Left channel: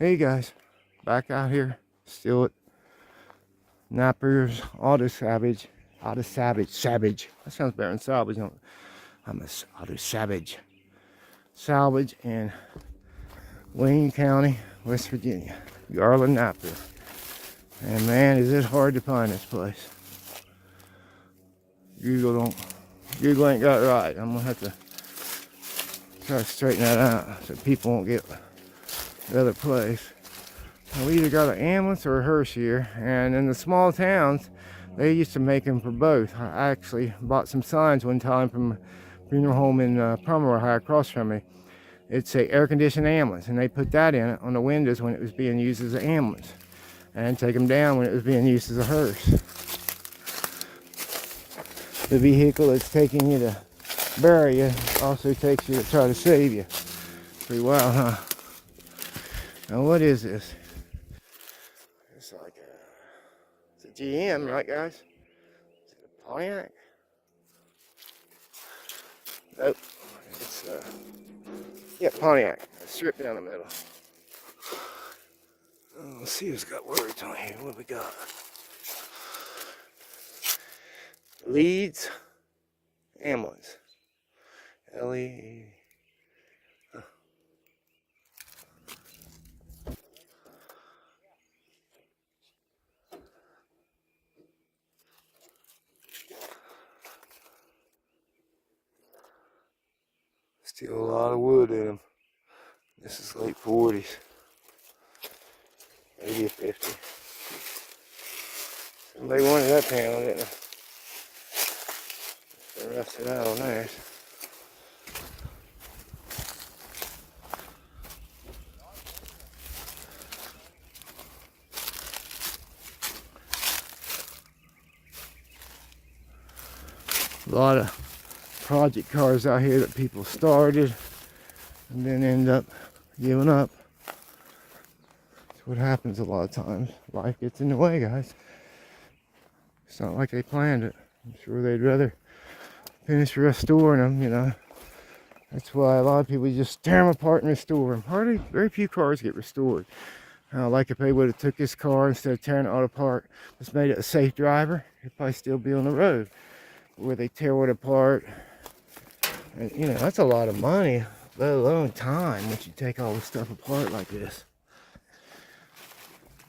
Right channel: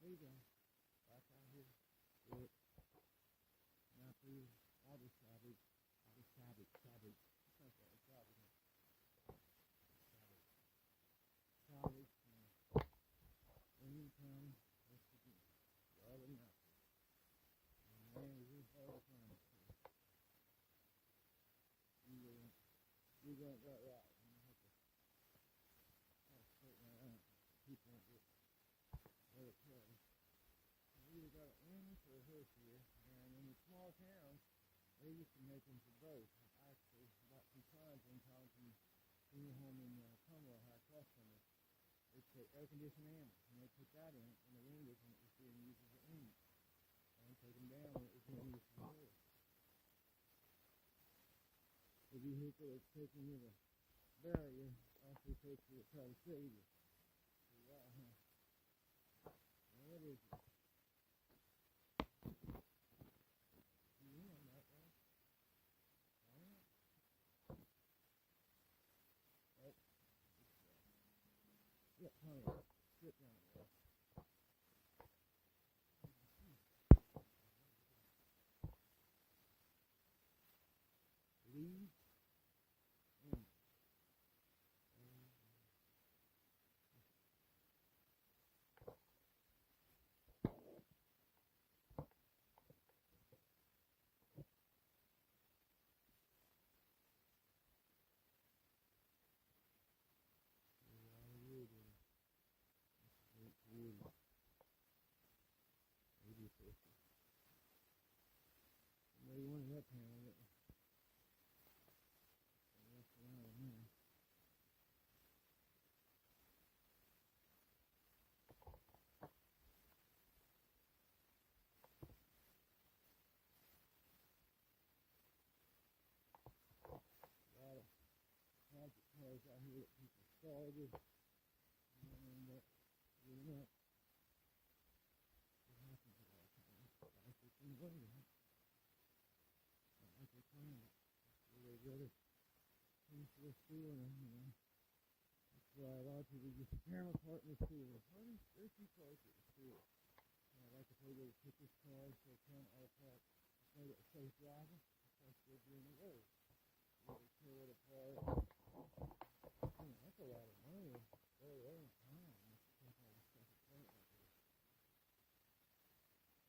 Hey guys, back out here, still at NAPIER's Auto Savage. Savage. That sounds better than salvage. I'm a Auto Savage. Salvage in Wayne County, West Virginia. Garland, Napier. And man, is it hard to find this place. Google ain't got it right. I'm gonna have to try to straighten that out so people won't get the other place. We either got an ambulance or a hearse here, and in the small towns they used to make them for both. I actually bought some signs one time from a funeral home in Pomeroy, across from me. It's a air-conditioned ambulance, and they put that in it on the windows when it was being used as an ambulance, and take them down when it was being used as a hearse. The vehicle that's taking you to bury you also takes you to try to save you. Pretty wild, huh? Now what is this? It's like it's a GM, right guys? Is it a Pontiac? Nope. It's yeah, Pontiac. Stripped down the middle. Let's see who's got words on here. What we got? Leeds ambulance. L-E. Still a lot of wood in them. This is late 40s. Maybe a 50. Somebody wanted that panel, didn't they? They rusted out on theirs. A lot of project cars out here that people started and then end up giving up. That's what happens a lot of times. Life gets in the way, guys. It's not like they planned it. I'm sure they'd rather finish restoring them, you know. That's why a lot of people just tear them apart and restore them. Very few cars get restored. Like if they would have took this car instead of tearing it all apart, just made it a safe driver, it'd probably still be on the road. Where they tear it apart, and, you know, that's a lot of money, let alone time, once you take all this stuff apart like this.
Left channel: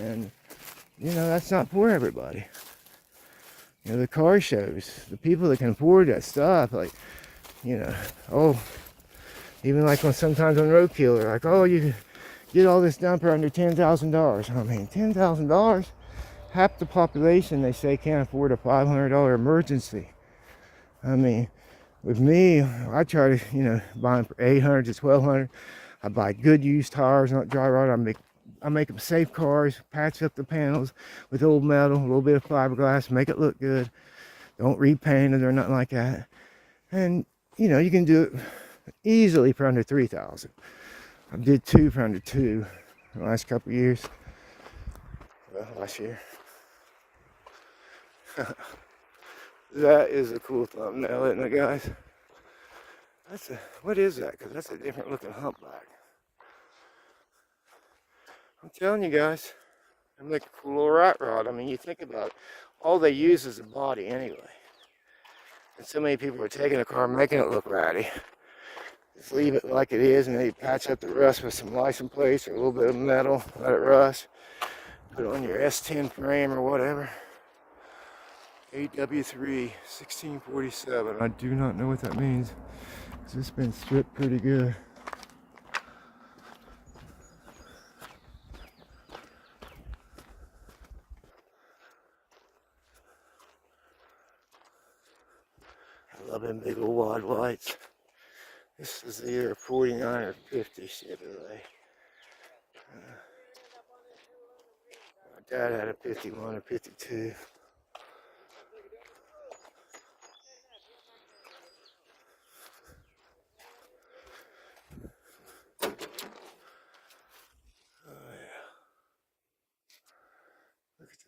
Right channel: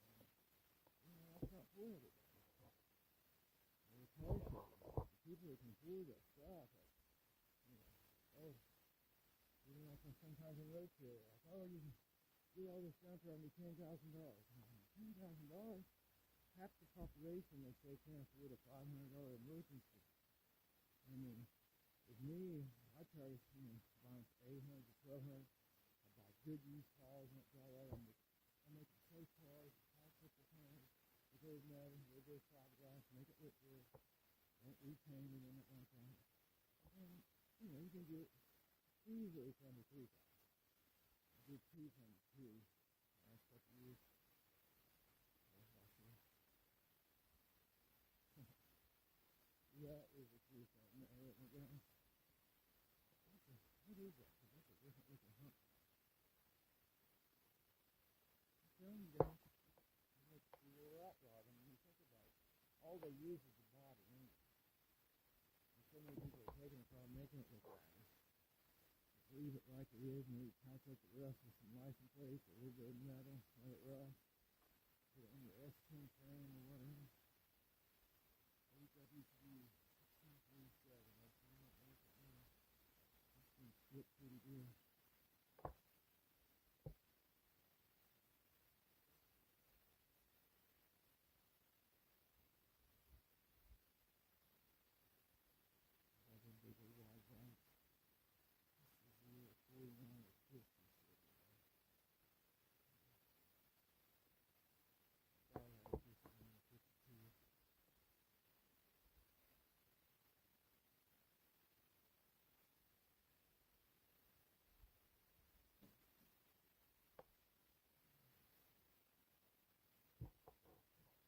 And you know, that's not for everybody. You know, the car shows, the people that can afford that stuff, like, you know, oh, even like sometimes on roadkill, they're like, oh, you can get all this done for under $10,000. I mean, $10,000, half the population, they say, can't afford a $500 emergency. I mean, with me, I try to, you know, buy them for $800 to $1,200. I buy good used tires, not dry rot. I make them safe cars, patch up the panels with old metal, a little bit of fiberglass, make it look good. Don't repaint it or nothing like that. And, you know, you can do it easily for under $3,000. I did 2 for under 2 the last couple of years. Well, last year. That is a cool thumbnail, isn't it, guys? What is that? Because that's a different looking humpback. I'm telling you guys, they make a cool little rat rod. I mean, you think about it, all they use is the body anyway. And so many people are taking a car and making it look ratty. Just leave it like it is, and they patch up the rust with some license plates or a little bit of metal, let it rust. Put it on your S10 frame or whatever. AW3 1647. I do not know what that means, because it's been stripped pretty good. I love them big old wide lights. This is either 49 or 50 Chevrolet. My dad had a 51 or 52.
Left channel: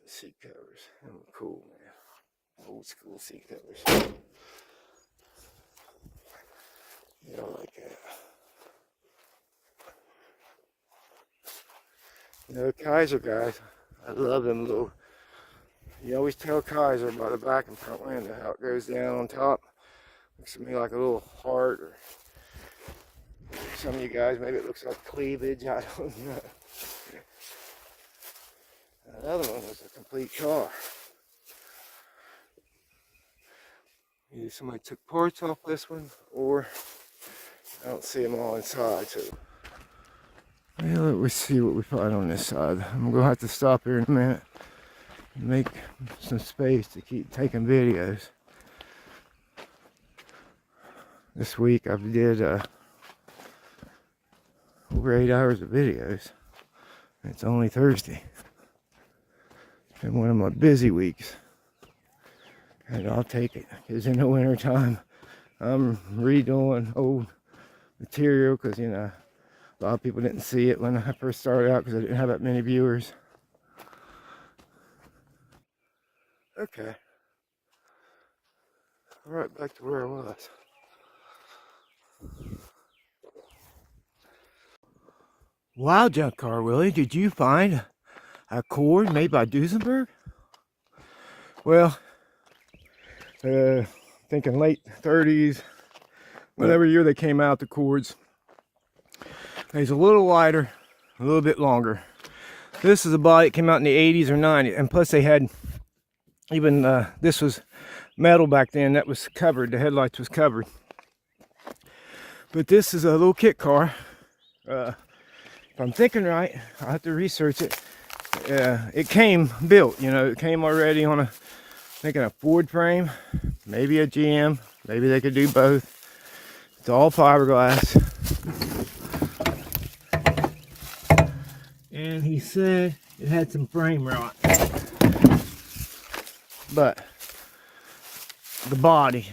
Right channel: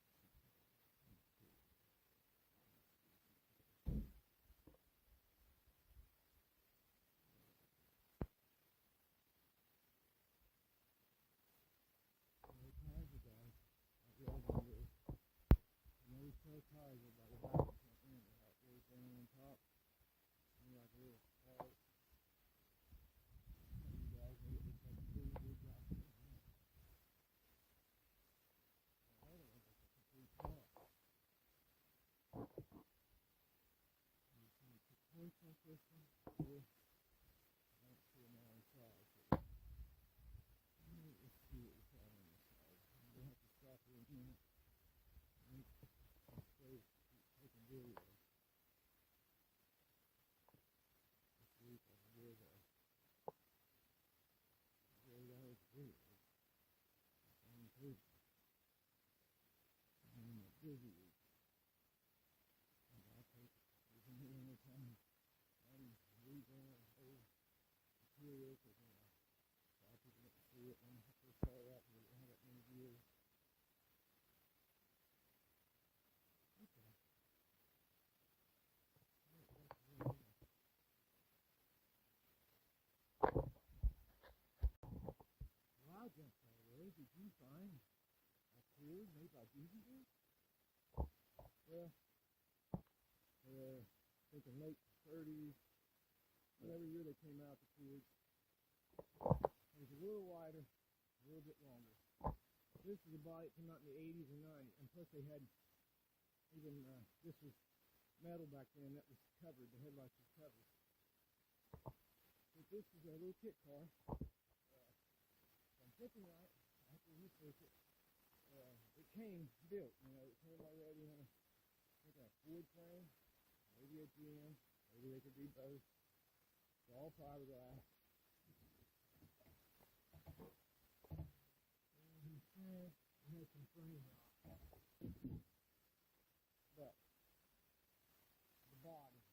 Seat covers. Cool, man. Old school seat covers. Yeah, I like that. You know, Kaiser guys, I love them little. You always tell Kaiser by the back and front window how it goes down on top. Looks to me like a little heart, or some of you guys maybe it looks like cleavage. I don't know. Another one was a complete car. Either somebody took parts off this one, or I don't see them all inside. So, well, let's see what we find on this side. I'm gonna have to stop here in a minute and make some space to keep taking videos. This week I did over 8 hours of videos. It's only Thursday. It's been one of my busy weeks. And I'll take it, because in the winter time, I'm redoing old material, because, you know, a lot of people didn't see it when I first started out, because I didn't have that many viewers. Okay. Right back to where I was. Wow, Junkyard Willie, did you find a cord made by Duesenberg? Well, thinking late 30s, whatever year they came out, the cords. It's a little wider, a little bit longer. This is a body that came out in the 80s or 90s, and plus they had even, this was metal back then, that was covered, the headlights was covered. But this is a little kit car. If I'm thinking right, I'll have to research it. It came built, you know, it came already on a, thinking a Ford frame, maybe a GM, maybe they could do both. It's all fiberglass. And he said it had some frame rot. But the body,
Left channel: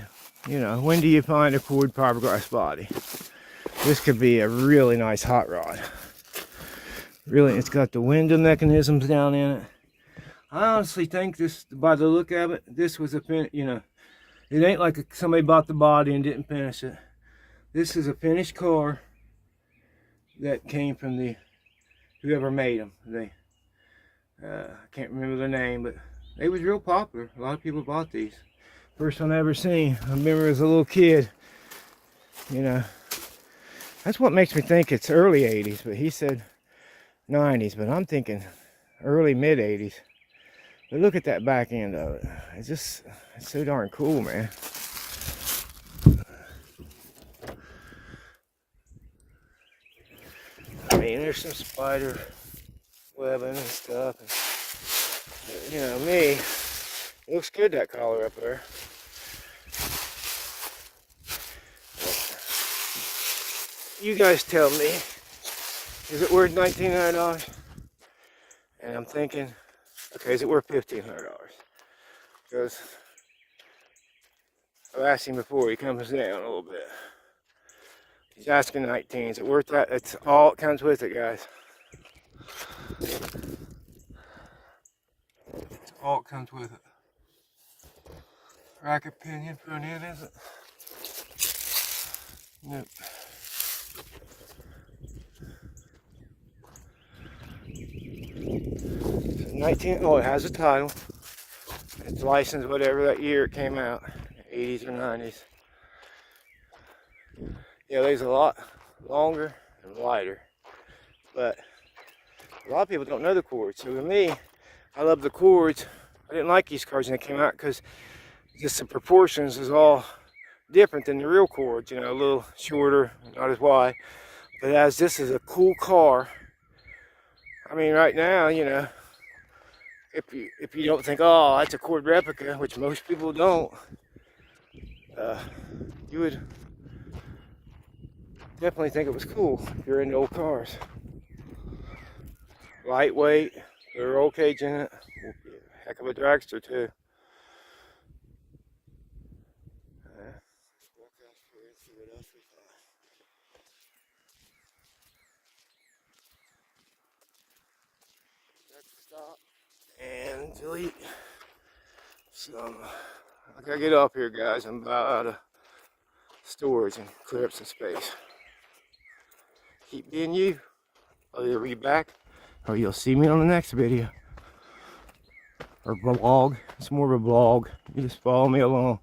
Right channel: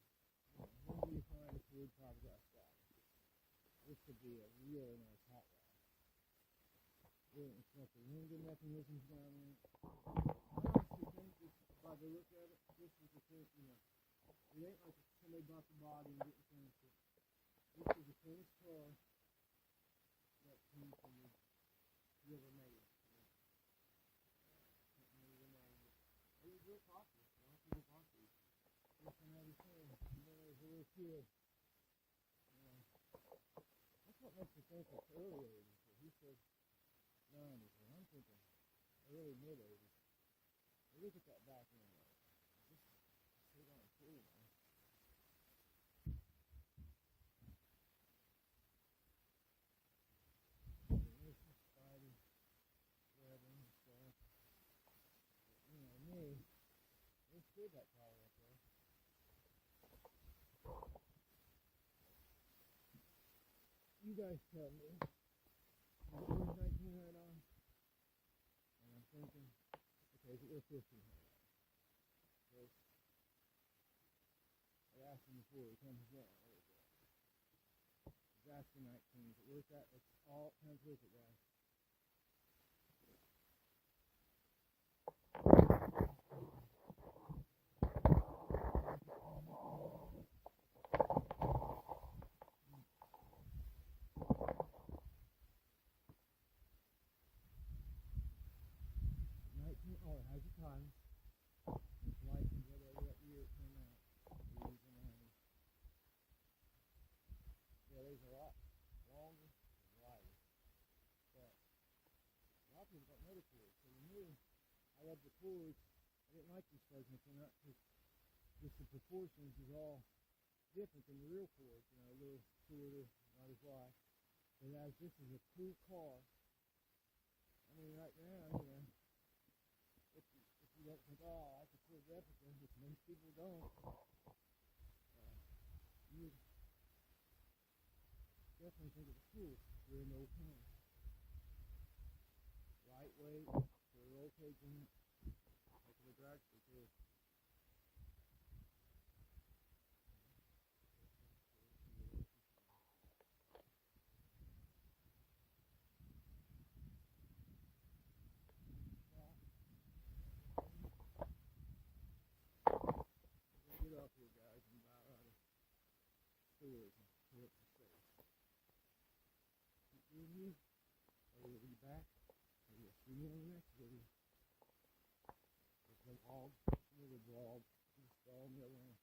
you know, when do you find a Ford fiberglass body? This could be a really nice hot rod. Really, it's got the window mechanisms down in it. I honestly think this, by the look of it, this was a you know, it ain't like somebody bought the body and didn't finish it. This is a finished car that came from the whoever made them. They, I can't remember the name, but they was real popular. A lot of people bought these. First one I ever seen. I remember as a little kid. You know, that's what makes me think it's early 80s, but he said 90s, but I'm thinking early mid 80s. But look at that back end of it. It's just, it's so darn cool, man. I mean, there's some spider webbing and stuff. And, you know, me, it looks good, that collar up there. You guys tell me, is it worth $1,900? And I'm thinking, okay, is it worth $1,500? Because I've asked him before, he comes down a little bit. He's asking 19, is it worth that? That's all it comes with it, guys. That's all it comes with it. Bracket pinion front end, is it? Nope. 19, oh, it has a title. It's licensed whatever that year it came out, 80s or 90s. Yeah, there's a lot longer and wider, but a lot of people don't know the cords. So to me, I love the cords. I didn't like these cars when they came out because just the proportions is all different than the real cords. You know, a little shorter, not as wide. But as this is a cool car, I mean, right now, you know, if you don't think, oh, that's a cord replica, which most people don't, you would definitely think it was cool if you're into old cars. Lightweight, there's a roll cage in it, heck of a dragster too. Stop and delete. So I gotta get up here, guys. I'm about out of storage and clear up some space. Keep being you. I'll either be back or you'll see me on the next video. Or vlog. It's more of a vlog. You just follow me along.